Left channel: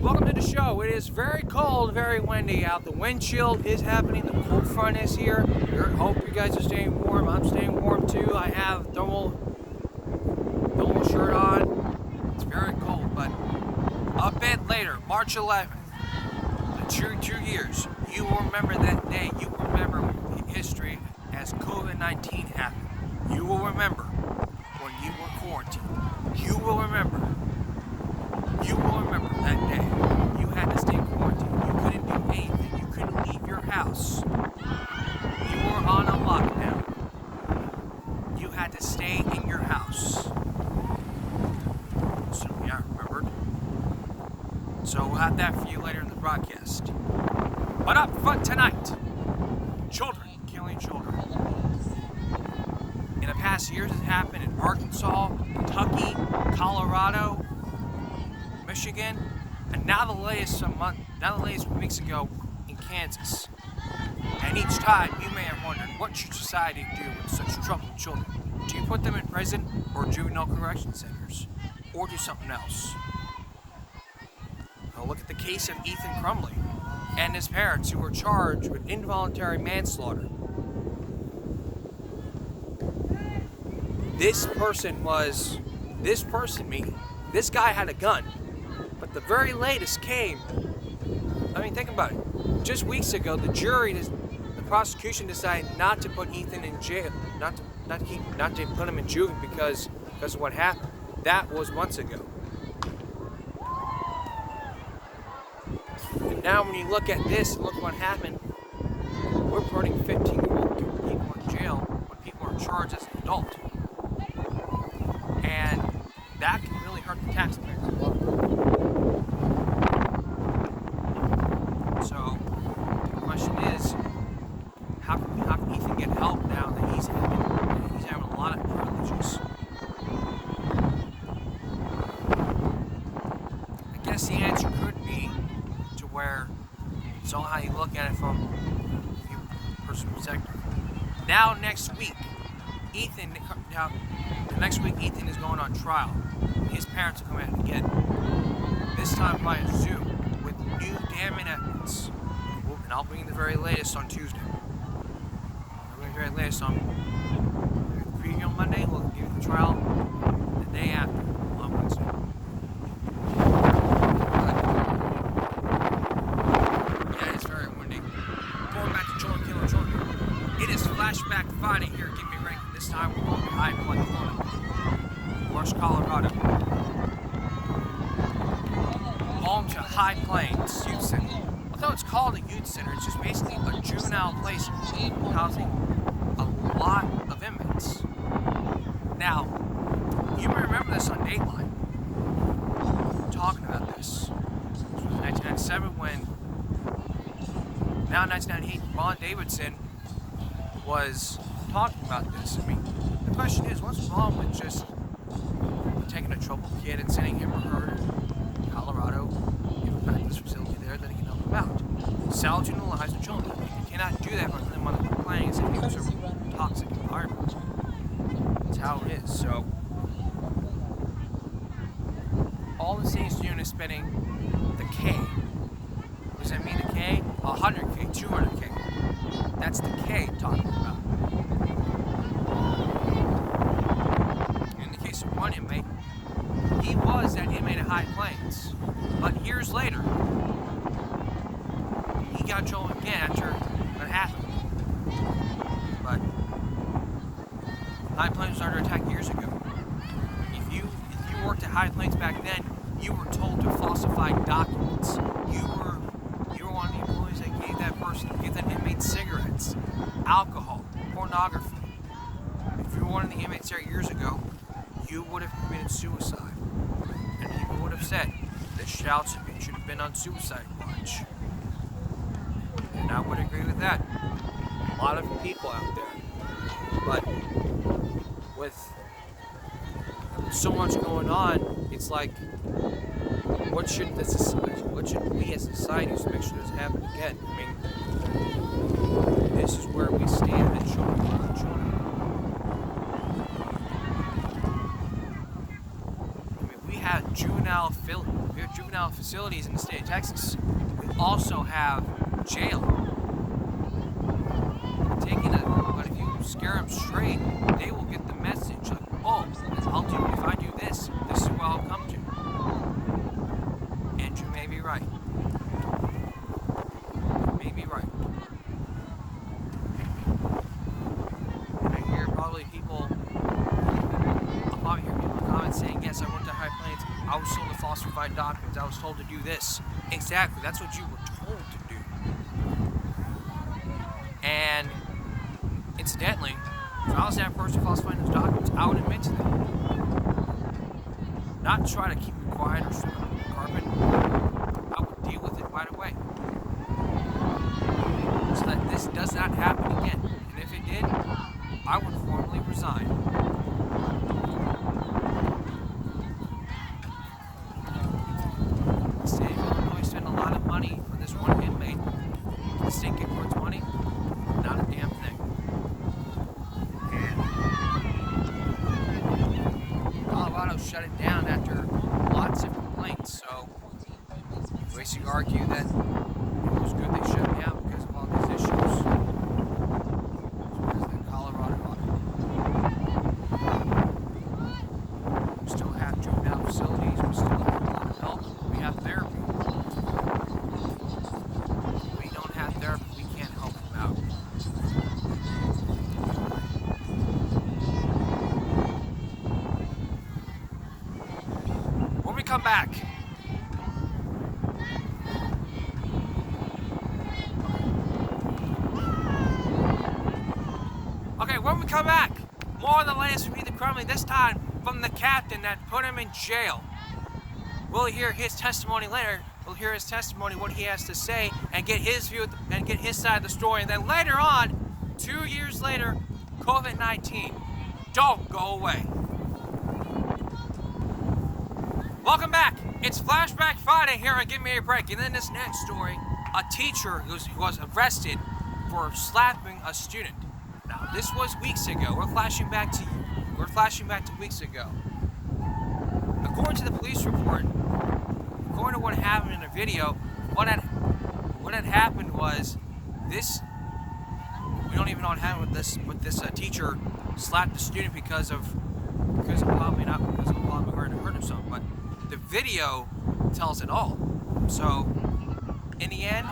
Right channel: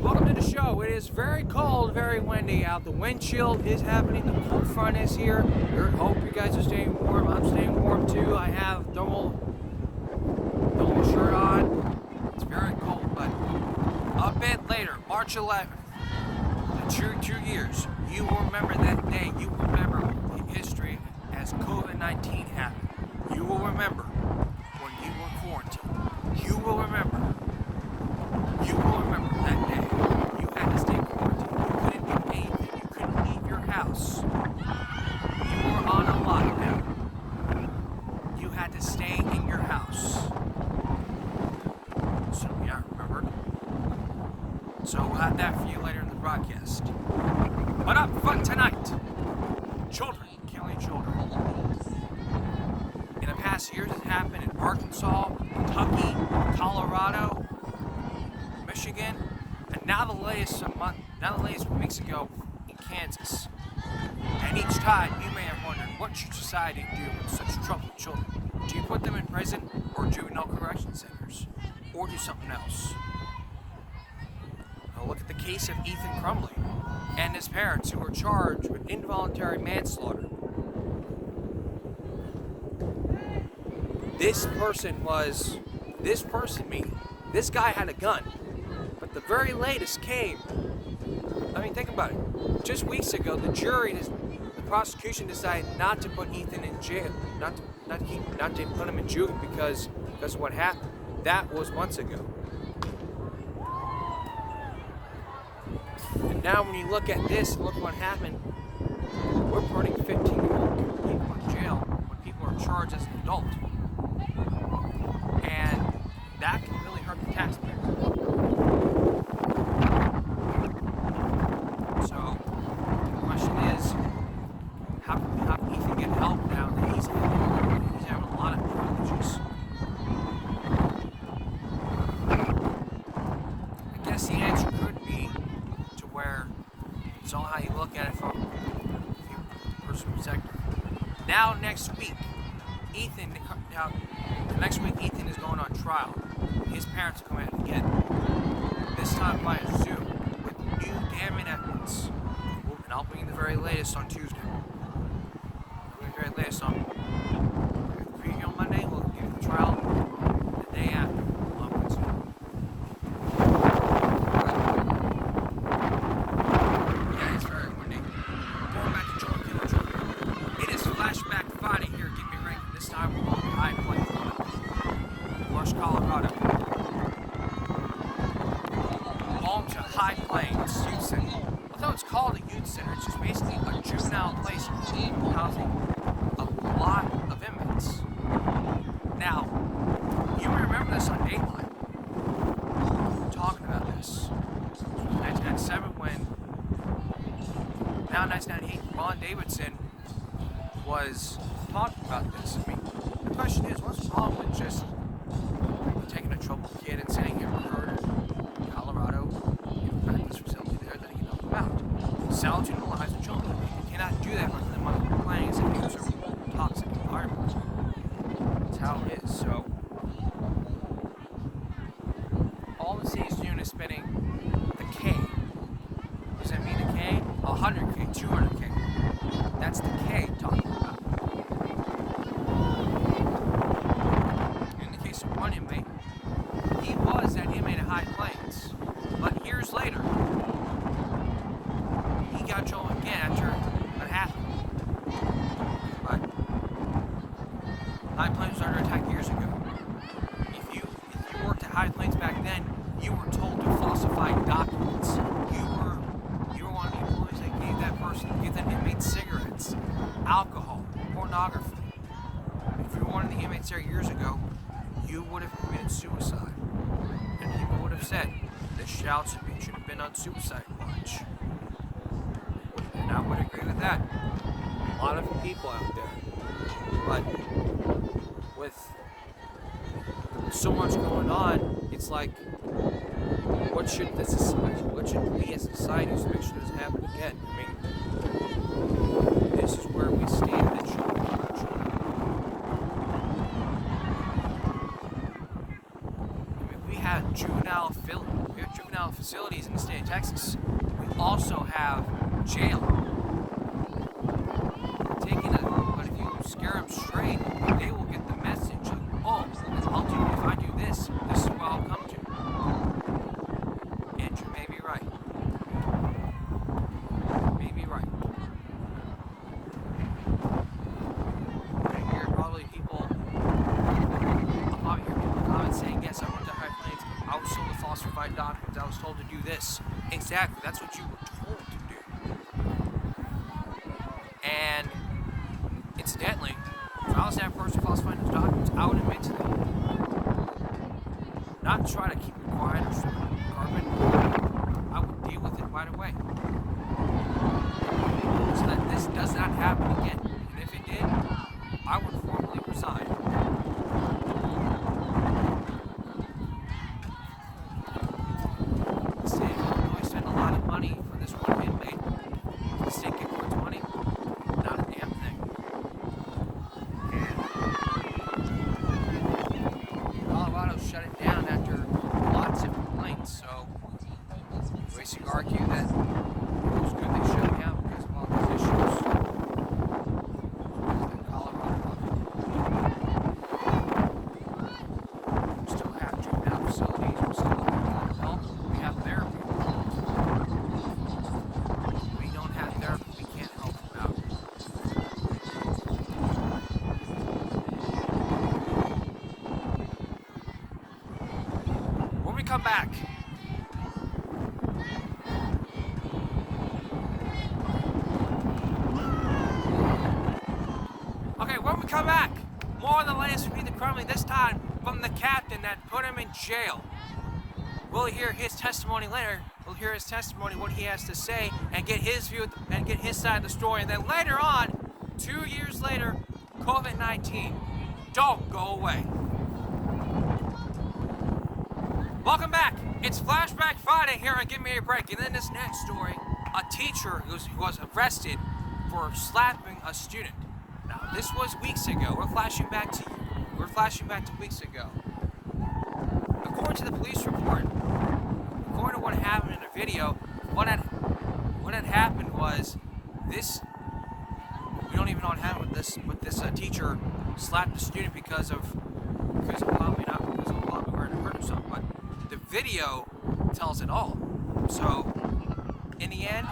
Welcome to the show. It is very cold, very windy out. The wind chill is happening. The cold front is here. Hope you guys are staying warm. I'm staying warm too. I have thermal shirt on. It's very cold, but a bit later, March 11th, in 2 years, you will remember that day. You will remember history as COVID-19 happened. You will remember when you were quarantined. You will remember that day. You had to stay quarantined. You couldn't do anything. You couldn't leave your house. You were on a lockdown. You had to stay in your house. So yeah, remembered. So we'll have that for you later in the broadcast. But up front tonight, children killing children. In the past years, it happened in Arkansas, Kentucky, Colorado, Michigan, and now the latest weeks ago in Kansas. And each time you may have wondered, what should society do with such troubled children? Do you put them in prison or juvenile correction centers? Or do something else? Now look at the case of Ethan Crumley and his parents who were charged with involuntary manslaughter. This guy had a gun. But the very latest came, I mean, think about it. Just weeks ago, the prosecution decided not to put Ethan in jail, not to put him in juvenile because of what happened. That was months ago. And now when you look at this, look what happened. We're putting 15-year-old people in jail when people are charged as an adult. And that can really hurt the taxpayers. So, the question is, how can Ethan get help now that he's having a lot of privileges? I guess the answer could be to where it's all how you look at it from a person's perspective. Now next week, Ethan is going on trial. His parents are coming out again. This time via Zoom with new damning evidence. And I'll bring you the very latest on Tuesday. I'll bring you the very latest on the preview on Monday. We'll give you the trial the day after on Wednesday. Yeah, it's very windy. Going back to Jordan Killer's. It is Flashback Friday here. Give me a ring. This time we're going to High Point, West Colorado. Home to High Plains Youth Center. Although it's called a youth center, it's just basically a juvenile place housing a lot of inmates. Now, you may remember this on Dateline. Talking about this. 1997 when, now 1998, Ron Davidson was talking about this. I mean, the question is, what's wrong with just taking a troubled kid and sending him or her to Colorado, give a practice facility there, then he can help them out. Salvaging the lives of children. You cannot do that by putting them on the planes and use a toxic environment. That's how it is. So, all the city's doing is spending the K. What does that mean, the K? 100K, 200K. That's the K talking about. In the case of one inmate, he was that inmate at High Plains, but years later, he got in trouble again after that happened. But High Plains was under attack years ago. If you worked at High Plains back then, you were told to falsify documents. You were one of the employees that gave that inmate cigarettes, alcohol, pornography. If you were one of the inmates there years ago, you would have committed suicide. And people would have said that shouts should have been on suicide watch. And I would agree with that. A lot of people out there. But with so much going on, it's like, what should we as a society do to make sure this doesn't happen again? I mean, this is where we stand as children. I mean, we have juvenile juvenile facilities in the state of Texas, we also have jail. But if you scare them straight, they will get the message like, oh, if I do this, this is what I'll come to. Andrew may be right. May be right. I hear probably people, I'll probably hear people in the comments saying, yes, I went to High Plains, I was told to falsify documents, I was told to do this. Exactly, that's what you were told to do. And incidentally, if I was that person falsifying those documents, I would admit to that. Not try to keep it quiet or sweep it under the carpet. I would deal with it right away. So that this does not happen again. And if it did, I would formally resign. The state of Illinois spent a lot of money for this one inmate. The state get towards money? Not a damn thing. Colorado's shutting down after lots of complaints, so we basically argue that it was good they shut it down because of all these issues. Because of Colorado water. We still have juvenile facilities, we still have mental health, we have therapy. We don't have therapy, we can't help them out. When we come back, more on the latest from Ethan Crumley, this time from the captain that put him in jail. We'll hear his testimony later. We'll hear his testimony, what he has to say, and get his view and get his side of the story. And then later on, 2 years later, COVID-19. Don't go away. Welcome back. It's Flashback Friday here on Give Me a Break. And in this next story, a teacher who was arrested for slapping a student. Now, this was weeks ago. We're flashing back to weeks ago. According to the police report, according to what happened in the video, what had happened was this. We don't even know what happened with this teacher slapped the student because of probably not because of a lot of hurt himself, but the video tells it all. So, in the end,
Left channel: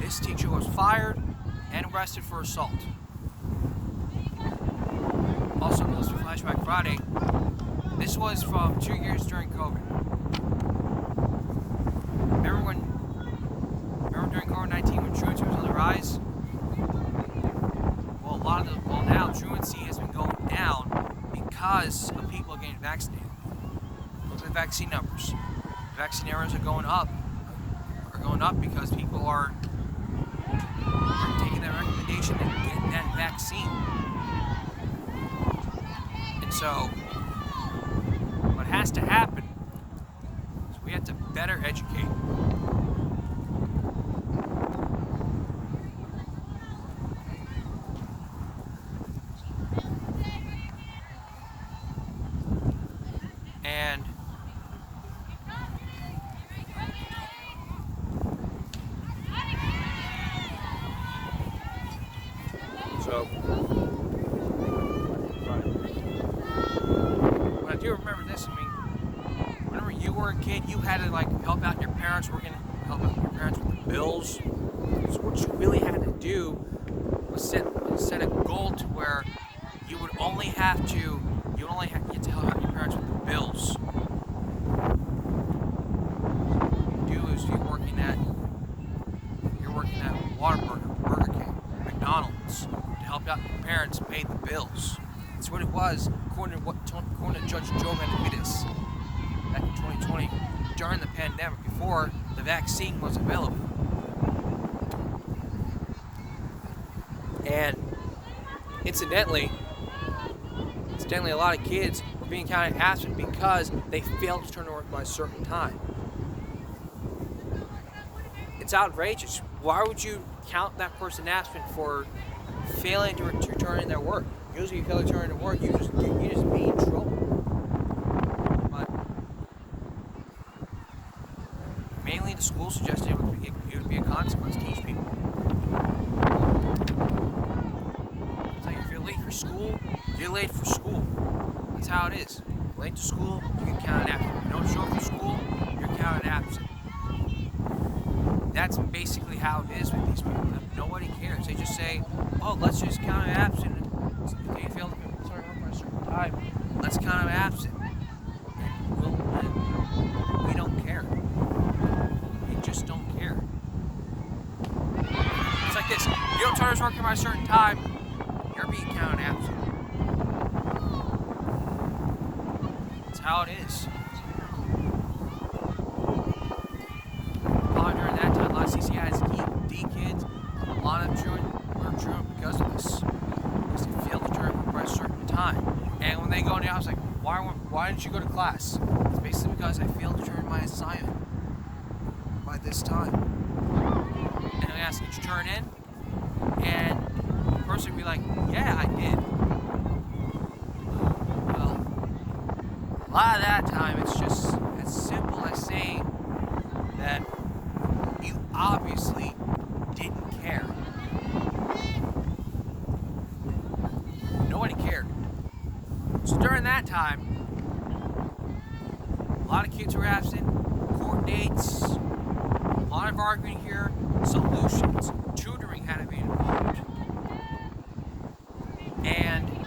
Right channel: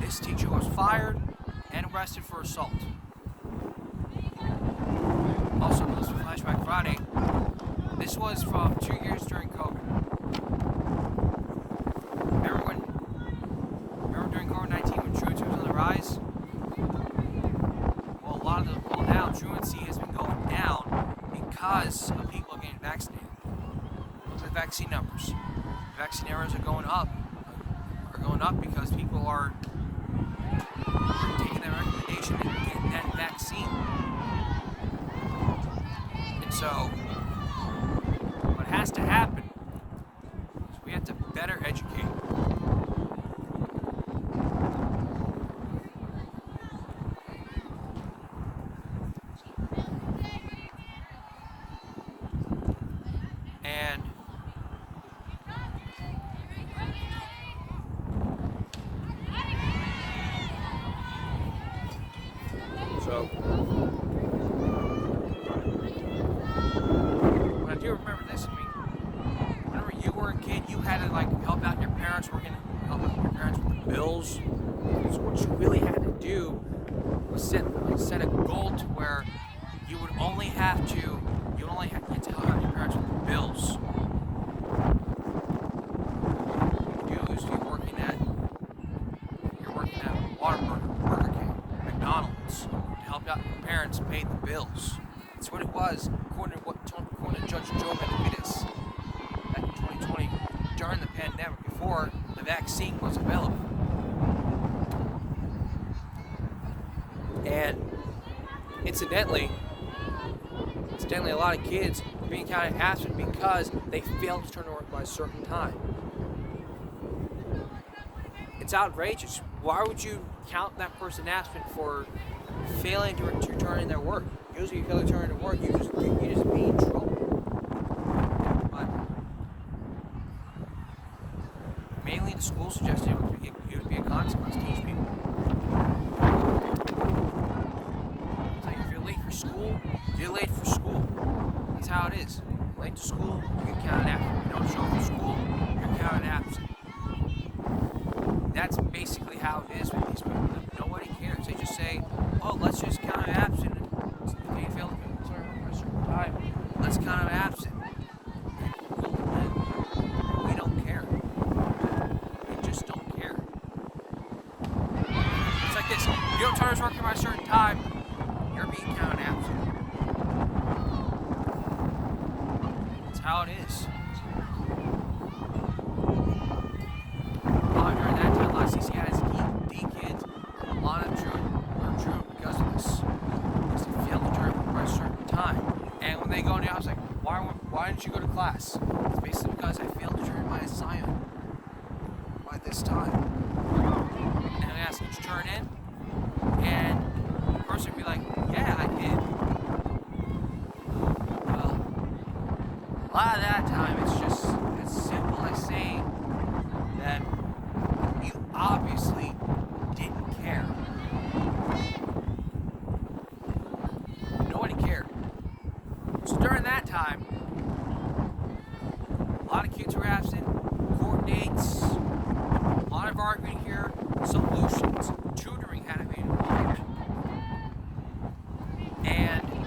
this teacher was fired and arrested for assault. Also, news for Flashback Friday. This was from 2 years during COVID. Remember during COVID-19 when truancy was on the rise? Well, now truancy has been going down because of people getting vaccinated. Look at the vaccine numbers. The vaccine numbers are going up because people are taking that recommendation and getting that vaccine. And so, what has to happen is we have to better educate. And so, I do remember this. I mean, whenever you were a kid, you had to help out your parents. We're gonna help out your parents with the bills. So what you really had to do was set a goal to where you would only have to get to help out your parents with the bills. What you do is you're working at Whataburger, Burger King, McDonald's to help out your parents pay the bills. That's what it was, according to Judge Joe Benavides back in 2020 during the pandemic, before the vaccine was available. And incidentally, a lot of kids were being counted absent because they failed to turn to work by a certain time. It's outrageous. Why would you count that person absent for failing to return in their work? Usually, if you fail to turn in work, you just be in trouble. But the school suggested it would be a consequence to teach people. So if you're late for school, you're late for school. That's how it is. Late to school, you get counted absent. If you don't show up for school, you're counted absent. That's basically how it is with these people. Nobody cares. They just say, oh, let's just count it absent. If you fail to work by a certain time, let's count it absent. We don't care. We just don't care. It's like this. You don't start working by a certain time, you're being counted absent. That's how it is. Probably during that time, a lot of CCIs, D kids, a lot of children were truant because of this. Because they failed to turn work by a certain time. And when they go in the office, like, why didn't you go to class? It's basically because I failed to turn my assignment by this time. And I ask, did you turn in? And the person would be like, yeah, I did. Well, a lot of that time, it's just as simple as saying that you obviously didn't care. Nobody cared. So during that time, a lot of kids were absent, court dates, a lot of arguing here, solutions, tutoring had to be involved. And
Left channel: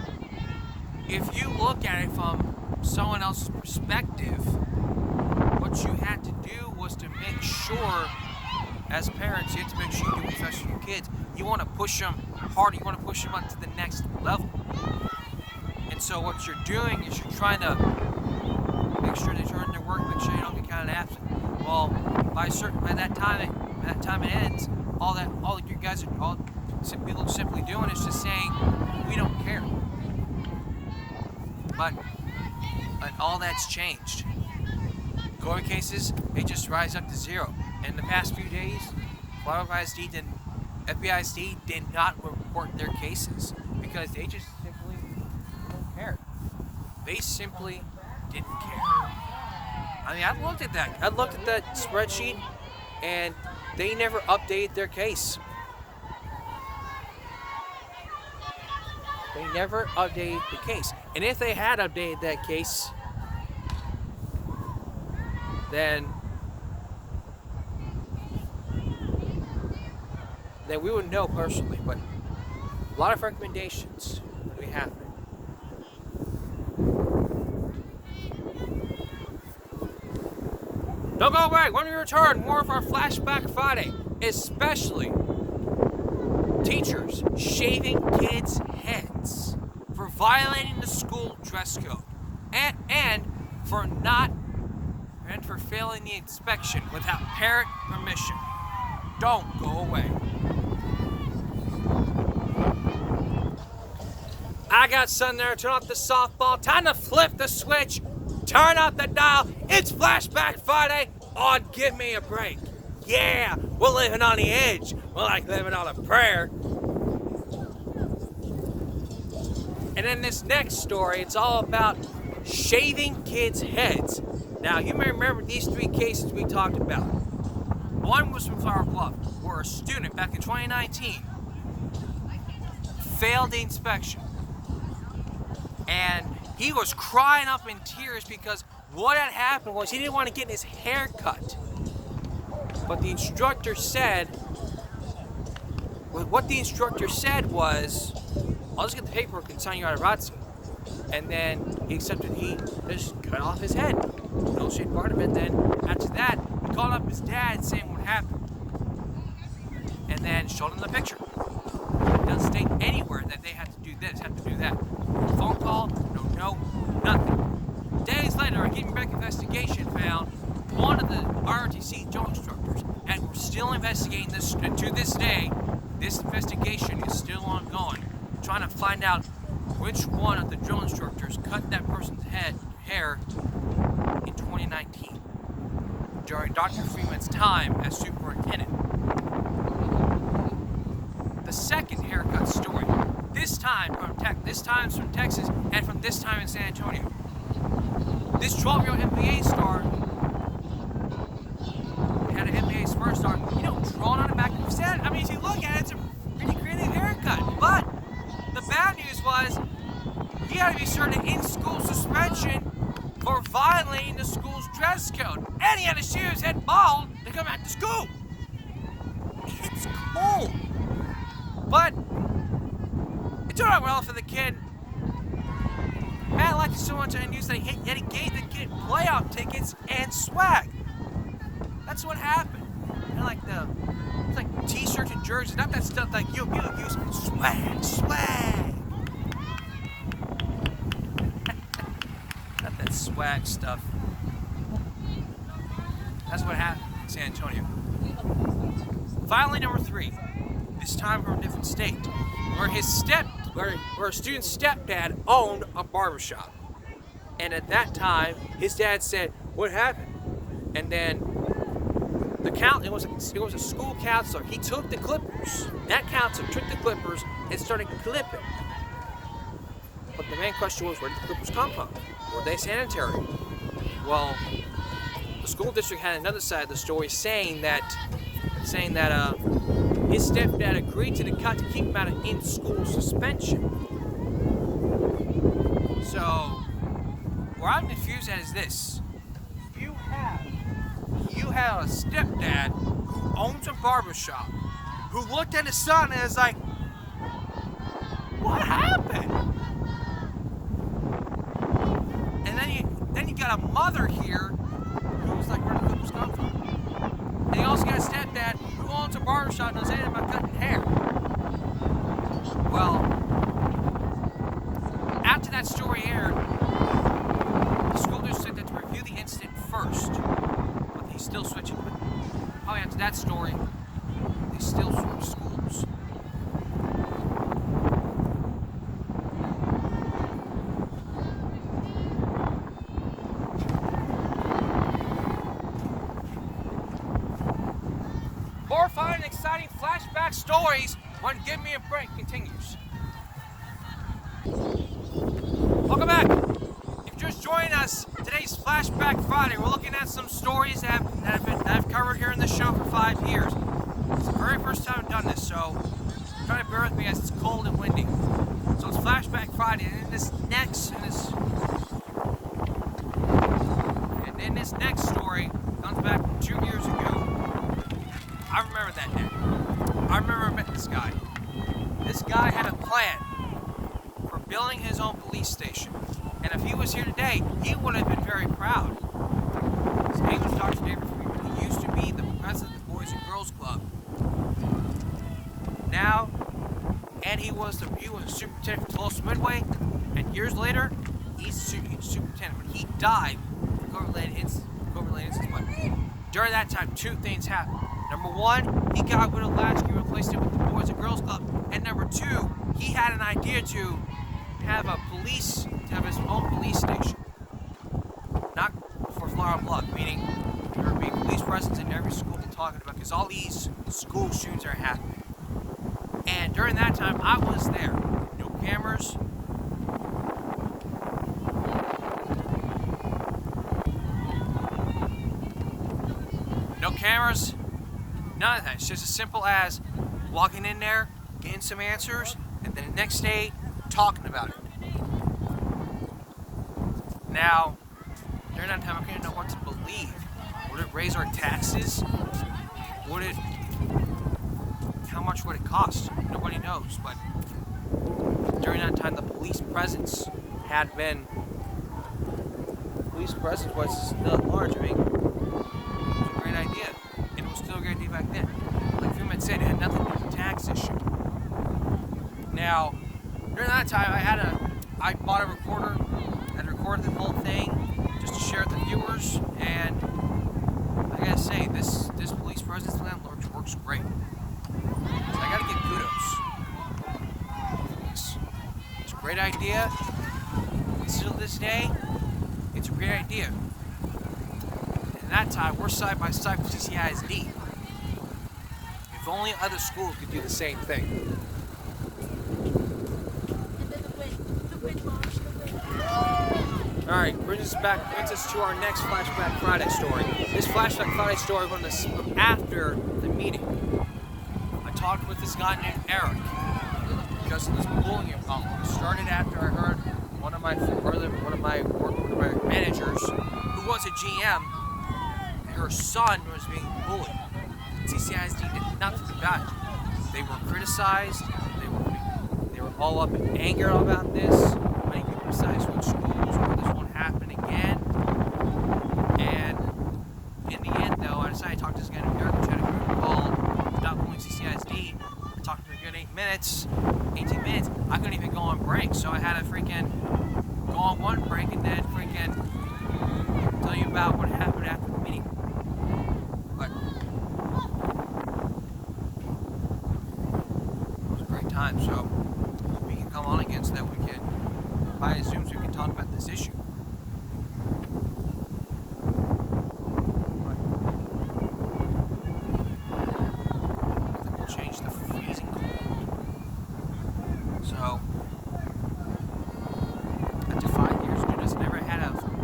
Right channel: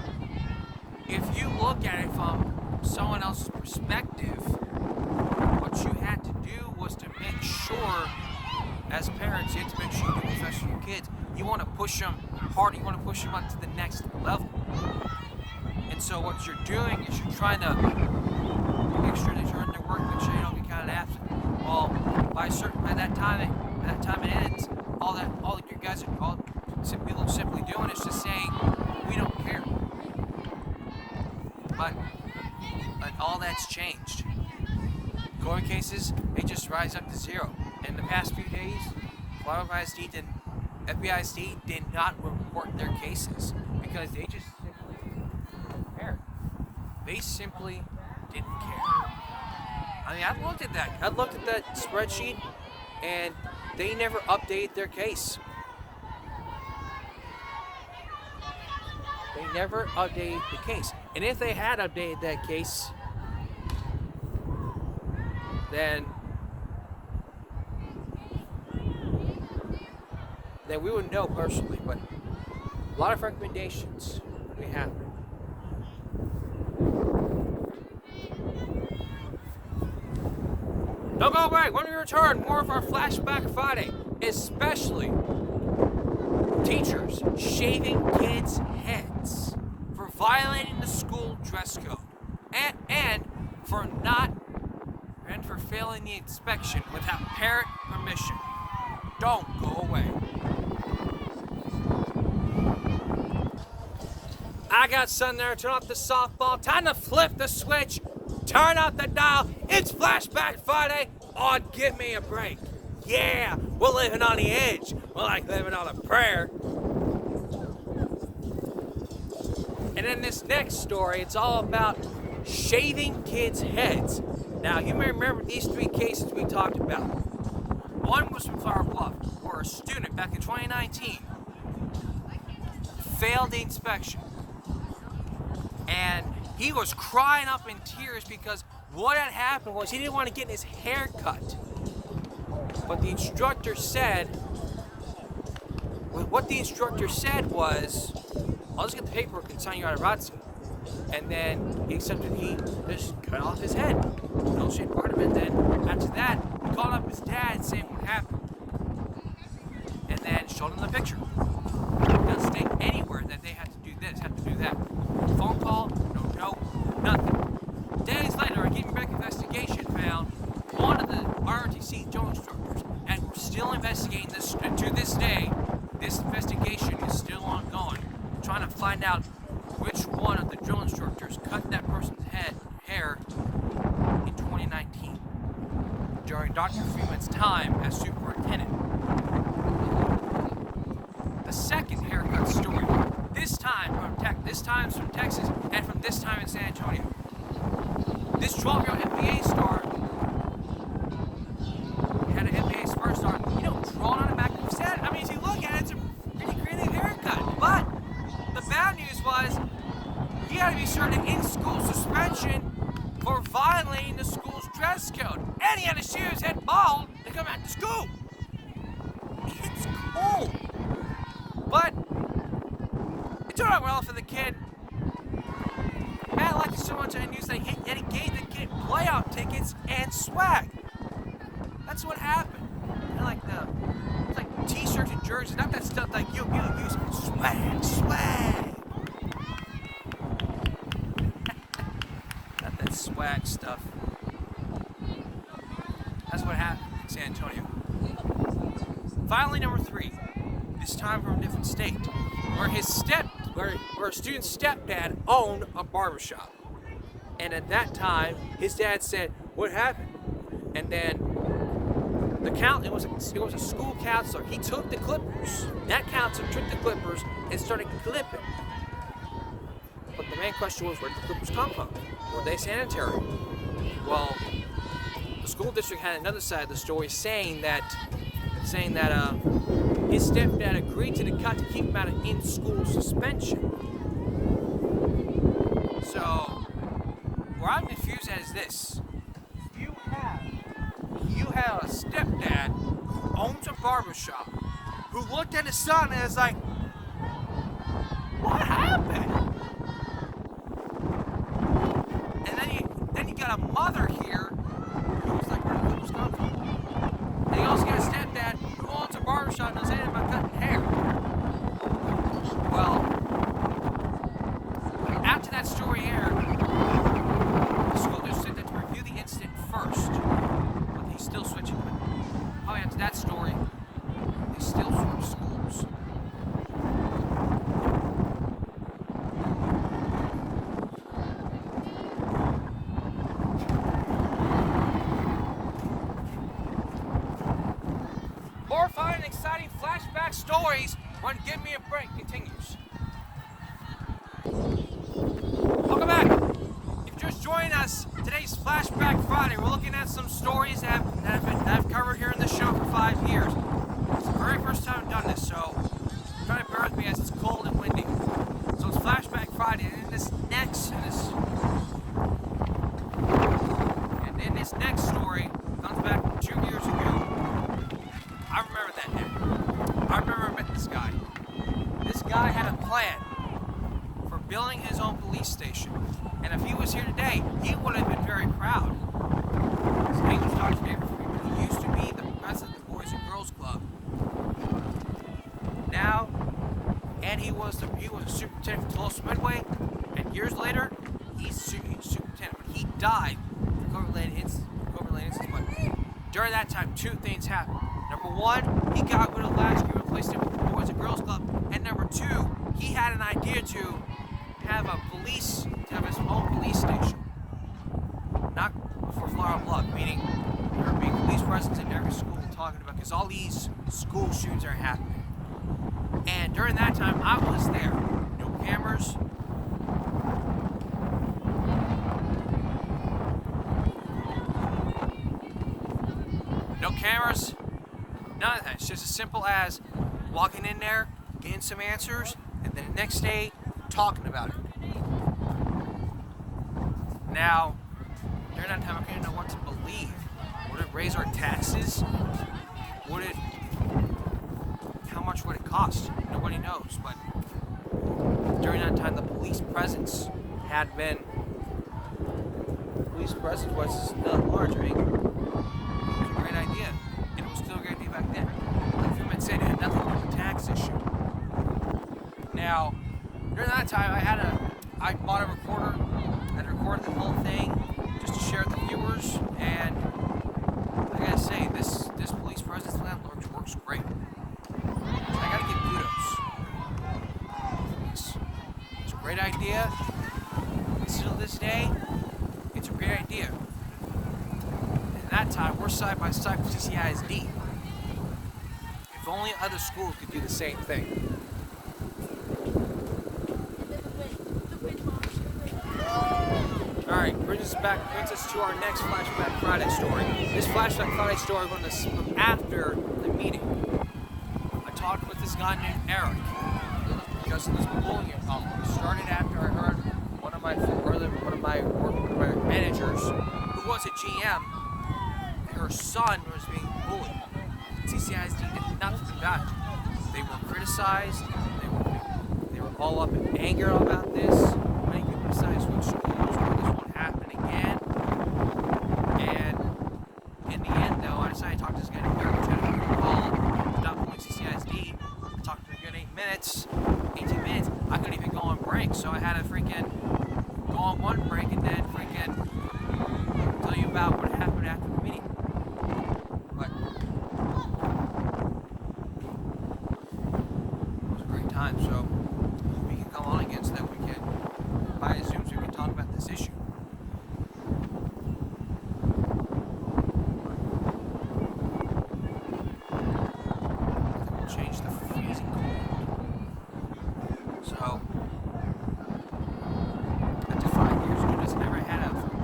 if you look at it from someone else's perspective, what you had to do was to make sure, as parents, you have to make sure you do what's best for your kids. You want to push them harder, you want to push them up to the next level. And so what you're doing is you're trying to make sure they turn their work, make sure you don't get counted absent. Well, by that time it ends, all you guys are all simply doing is just saying, we don't care. But all that's changed. COVID cases, they just rise up to zero. In the past few days, FBISD did not report their cases because they just simply didn't care. They simply didn't care. I mean, I've looked at that. I looked at that spreadsheet, and they never updated their case. They never updated the case. And if they had updated that case, then we wouldn't know personally, but a lot of recommendations will be happening. Don't go away. When we return, more of our Flashback Friday, especially teachers shaving kids' heads for violating the school dress code and for failing the inspection without parent permission. Don't go away. I got sun there. Turn off the softball. Time to flip the switch. Turn up the dial. It's Flashback Friday on Give Me a Break. Yeah, we're living on the edge. We're like living on a prayer. And in this next story, it's all about shaving kids' heads. Now, you may remember these three cases we talked about. One was from Flower Bluff, where a student back in 2019 failed the inspection. And he was crying up in tears because what had happened was he didn't want to get his hair cut. But the instructor said, what the instructor said was, I'll just get the paperwork and sign you out of ROTC. And then he just cut off his head. No shade part of it. Then after that, he called up his dad saying what happened. And then showed him the picture. It doesn't state anywhere that they had to do this, had to do that. No phone call, no note, nothing. Days later, a Give Me a Break investigation found one of the ROTC drill instructors, and we're still investigating this. To this day, this investigation is still ongoing, trying to find out which one of the drill instructors cut that person's hair in 2019 during Dr. Freeman's time as superintendent. The second haircut story, this time from Texas, and from this time in San Antonio. This 12-year-old NBA star had an NBA first off, you don't draw on the back of his head. I mean, if you look at it, it's a pretty creative haircut. But the bad news was he had to be served an in-school suspension for violating the school's dress code. And he had to shave his head bald to come back to school. It's cold. But it turned out well for the kid. Matt liked it so much on the news that he gave the kid playout tickets and swag. That's what happened. And like it's like t-shirts and jerseys, not that stuff like you use swag. Not that swag stuff. That's what happened in San Antonio. Finally, number 3. This time from a different state, where a student's stepdad owned a barbershop. And at that time, his dad said, "What happened?" And then it was a school counselor. He took the clippers. That counselor took the clippers and started clipping. But the main question was, where did the clippers come from? Were they sanitary? Well, the school district had another side of the story saying that his stepdad agreed to the cut to keep him out of in-school suspension. So, where I'm confused at is this. You have a stepdad who owns a barbershop, who looked at his son and is like, what happened? And then you got a mother here who's like, where did the clippers come from? And you also got a stepdad who owns a barbershop and knows anything about cutting hair. Well, after that story aired, the school district said to review the incident first. But he's still switching. But probably after that story, they still switch schools. More fun and exciting flashback stories when Give Me a Break continues. Welcome back. If you're just joining us, today's Flashback Friday. We're looking at some stories that I've covered here in the show for 5 years. It's the very first time I've done this, so try to bear with me as it's cold and windy. So it's Flashback Friday, and in this next story comes back 2 years ago. I remember that day. I remember I met this guy. This guy had a plan for building his own police station. And if he was here today, he would have been very proud. His name was Dr. David Freeman. He used to be the president of the Boys and Girls Club. Now, and he was a superintendent for Tulsa Midway. And years later, he's superintendent. But he died for COVID-related incidents. But during that time, 2 things happened. Number 1, he got rid of Latchkey and replaced it with the Boys and Girls Club. And number 2, he had an idea to have his own police station. Not for flower blood, meaning there would be police presence in every school we're talking about, because all these school shootings are happening. And during that time, I was there. No cameras. No cameras. None of that. It's just as simple as walking in there, getting some answers, and then the next day, talking about it. Now, during that time, I couldn't know what to believe. Would it raise our taxes? How much would it cost? Nobody knows. But during that time, the police presence was still large. I mean, it was a great idea. And it was still a great idea back then. Like Freeman said, it had nothing to do with the tax issue. Now, during that time, I bought a recorder and recorded the whole thing just to share with the viewers. And I gotta say, this police presence plan works great. I gotta give kudos. It's a great idea. Still to this day, it's a great idea. And at that time, we're side by side with CCISD. If only other schools could do the same thing. All Alright, brings us to our next Flashback Friday story. This Flashback Friday story was from after the meeting. I talked with this guy named Eric because of this bullying problem. It started after I heard one of my managers, who was a GM, her son was being bullied. CCISD did nothing about it. They were criticized. They were all up in anger about this. Many people criticized schools. This won't happen again. And in the end, though, I decided to talk to this guy named Eric, which had a call, stop bullying CCISD. I talked to him a good 18 minutes. I couldn't even go on break, so I had to freaking go on one break and then freaking tell you about what happened after the meeting. But it was a great time, so we can come on again so that we can, via Zoom, so we can talk about this issue. Nothing will change the freezing cold. So, after 5 years of doing this, I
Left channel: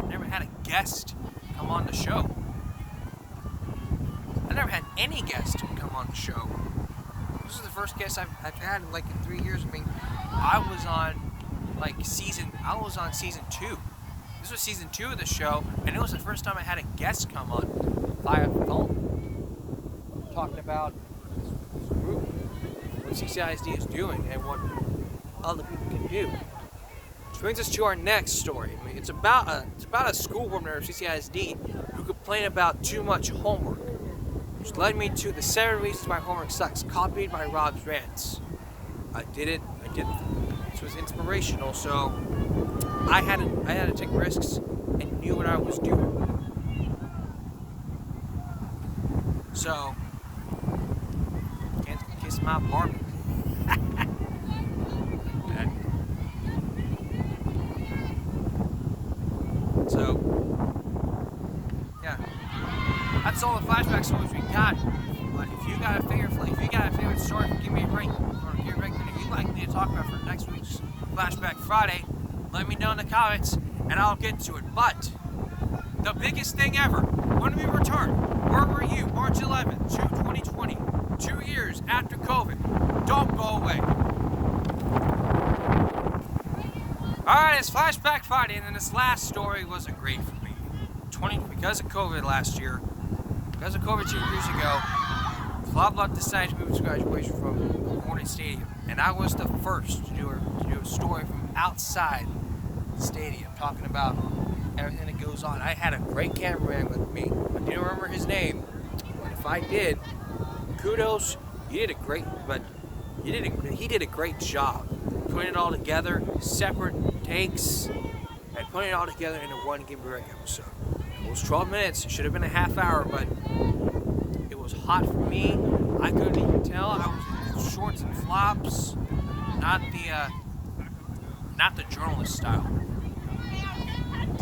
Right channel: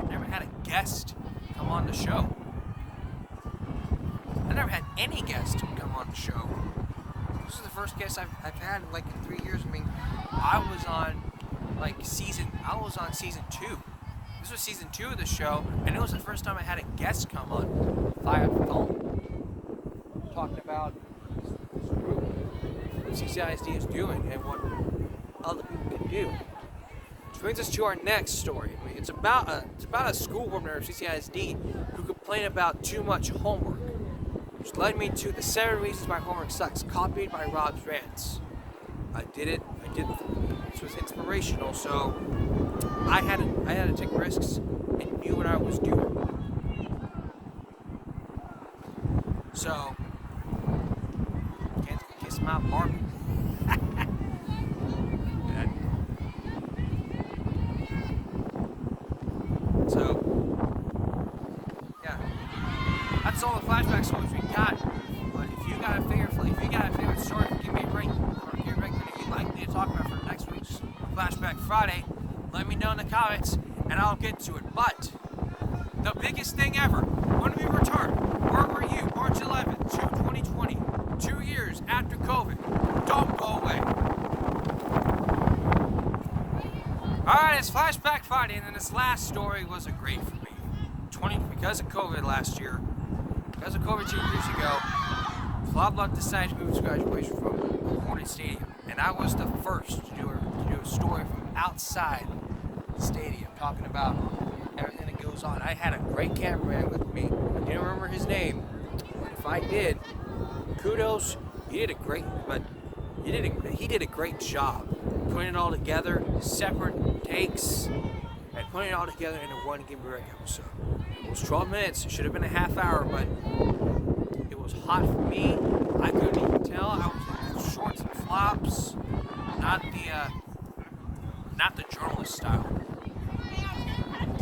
never had a guest come on the show. I never had any guest come on the show. This is the first guest I've had in 3 years. I mean, I was on season 2. This was season 2 of the show, and it was the first time I had a guest come on via the phone, talking about this group, what CCISD is doing, and what other people can do. Which brings us to our next story. I mean, it's about a school board member of CCISD who complained about too much homework, which led me to the 7 reasons why homework sucks, copied by Rob's rants. I did it. This was inspirational, so I had to take risks and knew what I was doing. So, can't kiss my Barbie. So, yeah, that's all the flashback stories we got. But if you got a favorite story, give me a ring. Or give me a ring that you'd like me to talk about for next week's Flashback Friday. Let me know in the comments, and I'll get to it. But the biggest thing ever, when we return, where were you? March 11th, 2020, 2 years after COVID. Don't go away. Alright, it's Flashback Friday, and then this last story wasn't great for me. Because of COVID last year, because of COVID 2 years ago, Club Luck decided to move its graduation from Hornet Stadium, and I was the first to do a story from outside the stadium, talking about everything that goes on. I had a great cameraman with me. I didn't remember his name, but if I did, kudos. He did a great job putting it all together, separate takes, and putting it all together into one Game Break episode. It was 12 minutes. It should have been a half hour, but it was hot for me. I couldn't even tell. I was in shorts and flops, not the journalist style.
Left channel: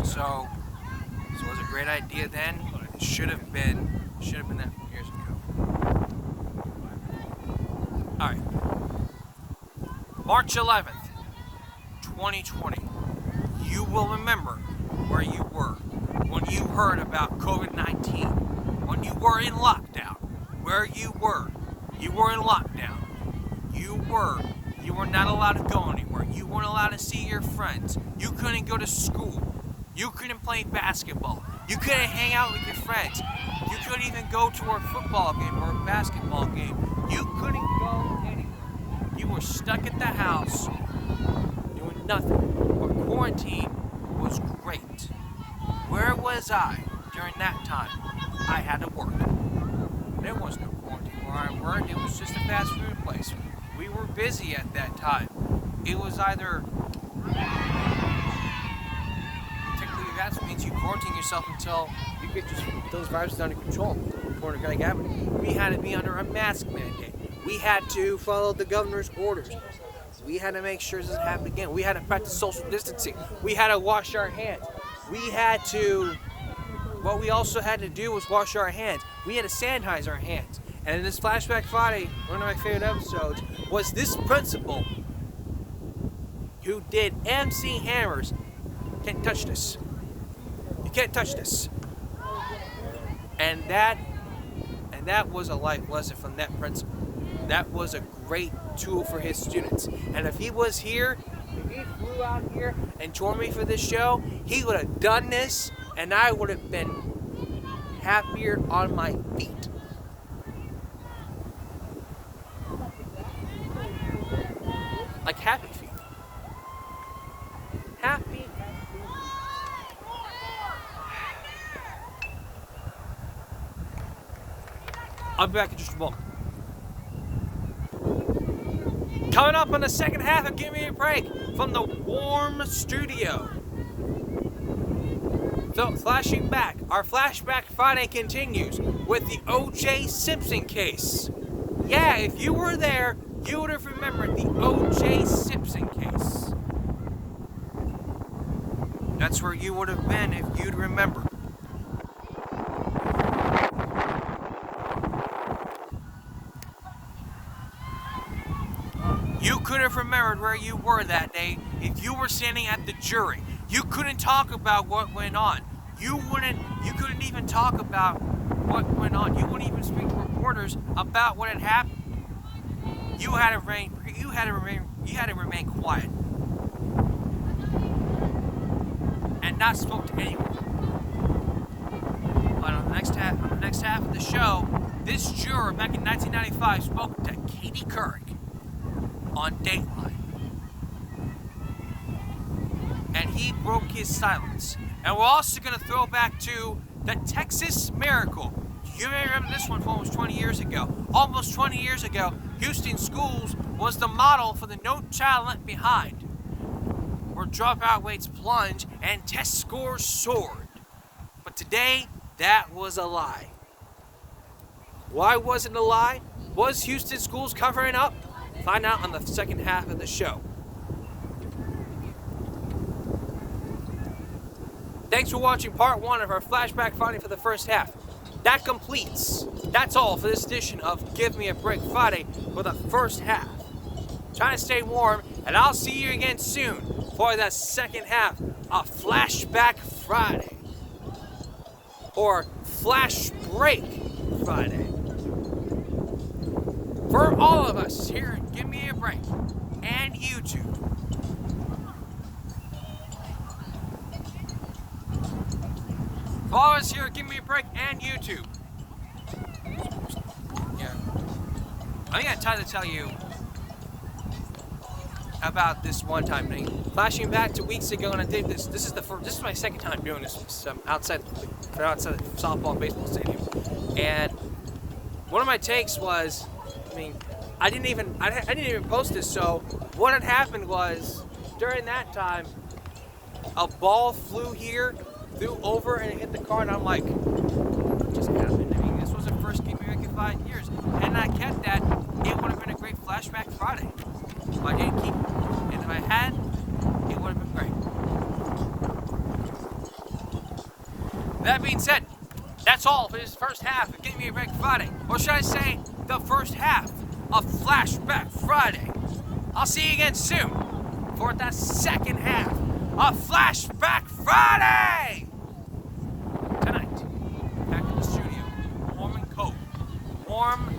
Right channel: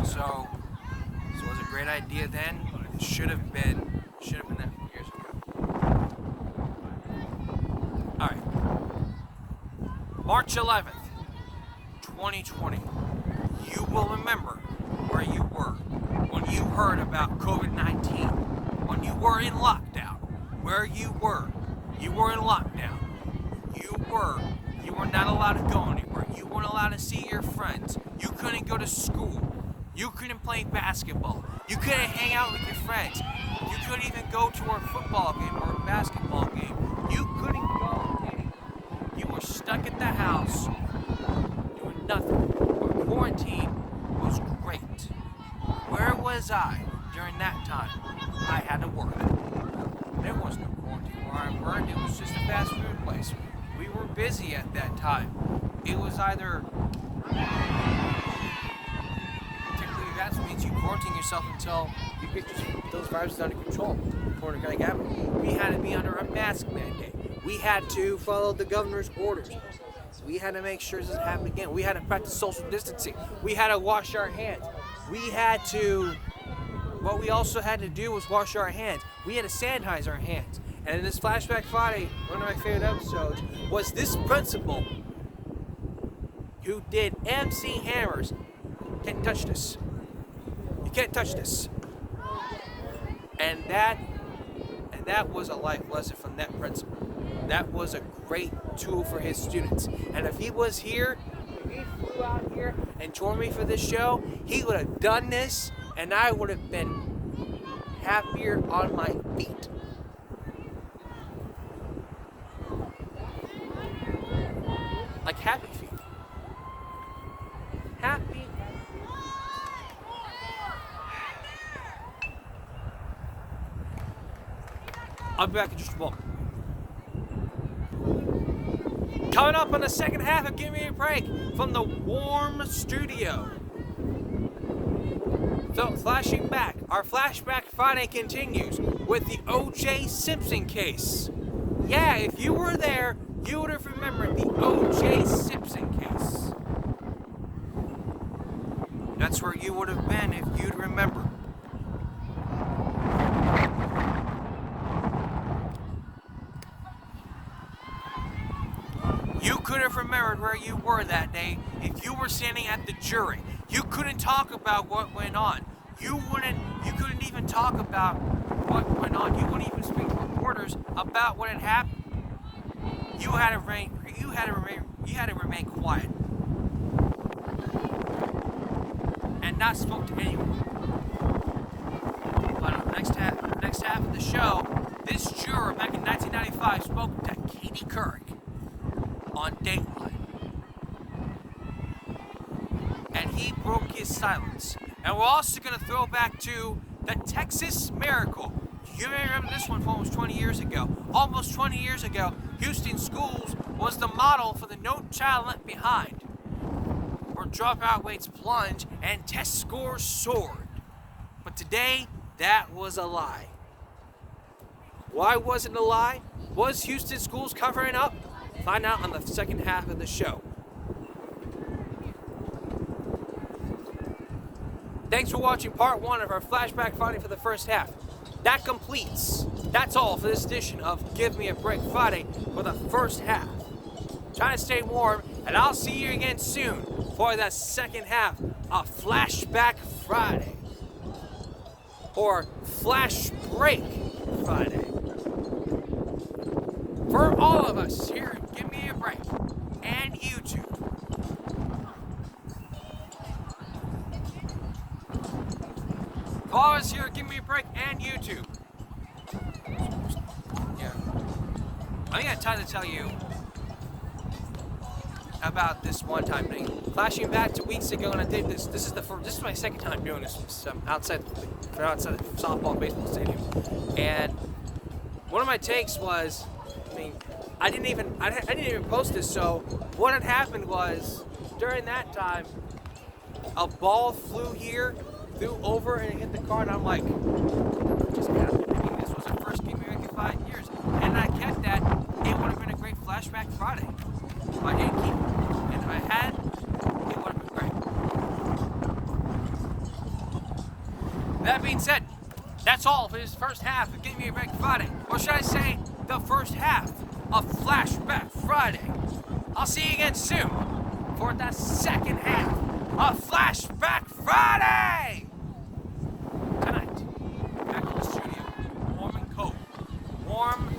So it was a great idea then. It should have been that years ago. All right. March 11th, 2020. You will remember where you were when you heard about COVID-19, when you were in lockdown, where you were. You were in lockdown. You were not allowed to go anywhere. You weren't allowed to see your friends. You couldn't go to school. You couldn't play basketball. You couldn't hang out with your friends. You couldn't even go to a football game or a basketball game. You couldn't go anywhere. You were stuck at the house doing nothing. But quarantine was great. Where was I during that time? I had to work. There was no quarantine where I worked. It was just a fast food place. We were busy at that time. It was either... Technically, that means you quarantine yourself until you get those viruses under control. We had to be under a mask mandate. We had to follow the governor's orders. We had to make sure this doesn't happen again. We had to practice social distancing. We had to wash our hands. What we also had to do was wash our hands. We had to sanitize our hands. And in this Flashback Friday, one of my favorite episodes, was this principal who did MC Hammers. Can't touch this. You can't touch this. And that was a life lesson from that principal. That was a great tool for his students. And if he was here, if he flew out here and joined me for this show, he would have done this, and I would have been happier on my feet. Like happy feet. Happy. I'll be back in just a moment. Coming up on the second half of Give Me a Break from the warm studio. So, flashing back, our Flashback Friday continues with the O.J. Simpson case. Yeah, if you were there, you would have remembered the O.J. Simpson case. That's where you would have been if you'd remember. You could have remembered where you were that day if you were standing at the jury. You couldn't talk about what went on. You couldn't even talk about what went on. You wouldn't even speak to reporters about what had happened. You had to remain quiet. And not spoke to anyone. But on the next half of the show, this juror back in 1995 spoke to Katie Couric on Dateline. And he broke his silence. And we're also going to throw back to the Texas Miracle. You may remember this one from almost 20 years ago. Almost 20 years ago, Houston schools was the model for the No Child Left Behind, where dropout rates plunged and test scores soared. But today, that was a lie. Why was it a lie? Was Houston schools covering up? Find out on the second half of the show. Thanks for watching part 1 of our Flashback Friday for the first half. That's all for this edition of Give Me a Break Friday for the first half. Try to stay warm, and I'll see you again soon for the second half of Flashback Friday. Or Flash Break Friday. For all of us here at Give Me a Break and YouTube. For all of us here at Give Me a Break and YouTube. Yeah. I got time to tell you about this one time thing. Flashing back to weeks ago when I did this. This is my second time doing this outside the softball and baseball stadium. And one of my takes was, I didn't even post this. So what had happened was during that time, a ball flew over and hit the car, and I'm like, what just happened? This was the first game in 5 years, and I kept that. It would have been a great Flashback Friday. If I didn't keep it, and if I had, it would have been great. That being said, that's all for this first half of Give Me a Break Friday, or should I say, the first half of Flashback Friday. I'll see you again soon for the second half of Flashback Friday. Tonight, back in the studio, warm and cold. Warm